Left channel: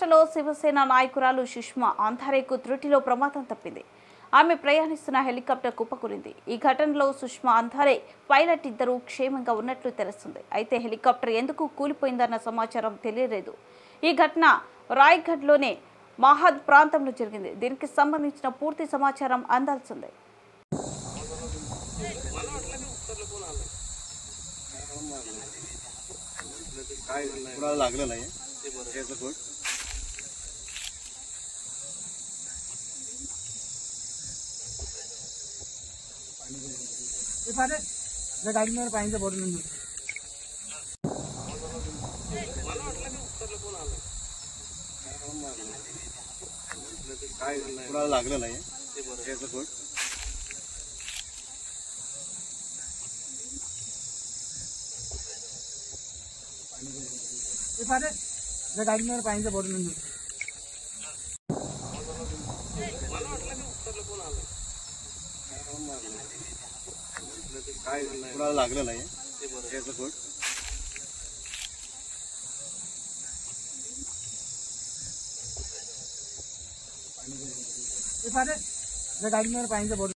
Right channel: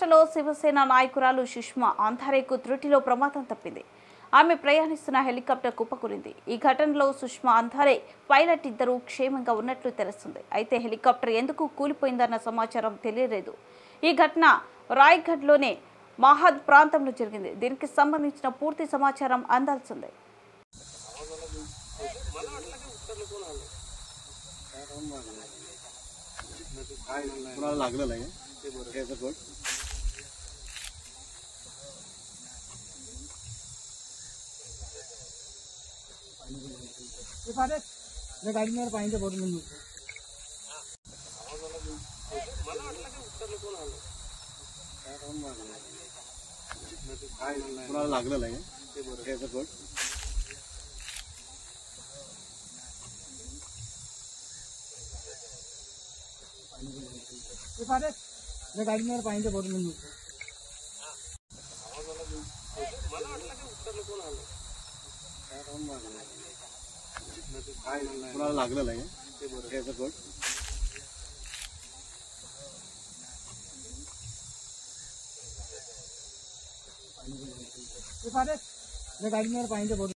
మహారాష్ట్రలో శివసేన నాయకురాలు సుష్మా అంధారేకు త్రుటిలో ప్రమాదం తప్పింది. ఆమె ప్రయాణిస్తున్న హెలికాప్టర్ కుప్పకూలింది. ఈ ఘటనలో సుష్మా అంధారే, పైలట్ ఇద్దరు క్షేమంగా ఉన్నట్లు తెలుస్తుంది. అయితే హెలికాప్టర్ ఎందుకు కూలిపోయిందన్న సమాచారం తెలియలేదు. ఈ ఘటన రాయ్గఢ్లోని మహద్ ప్రాంతంలో జరిగింది. దీనికి సంబంధించిన పూర్తి సమాచారం అందాల్సిందే. गाड़ी में पानी बोट लागलेलं आहे गाड़ी में पानी बोट लागलेलं आहे गाड़ी में पानी बोट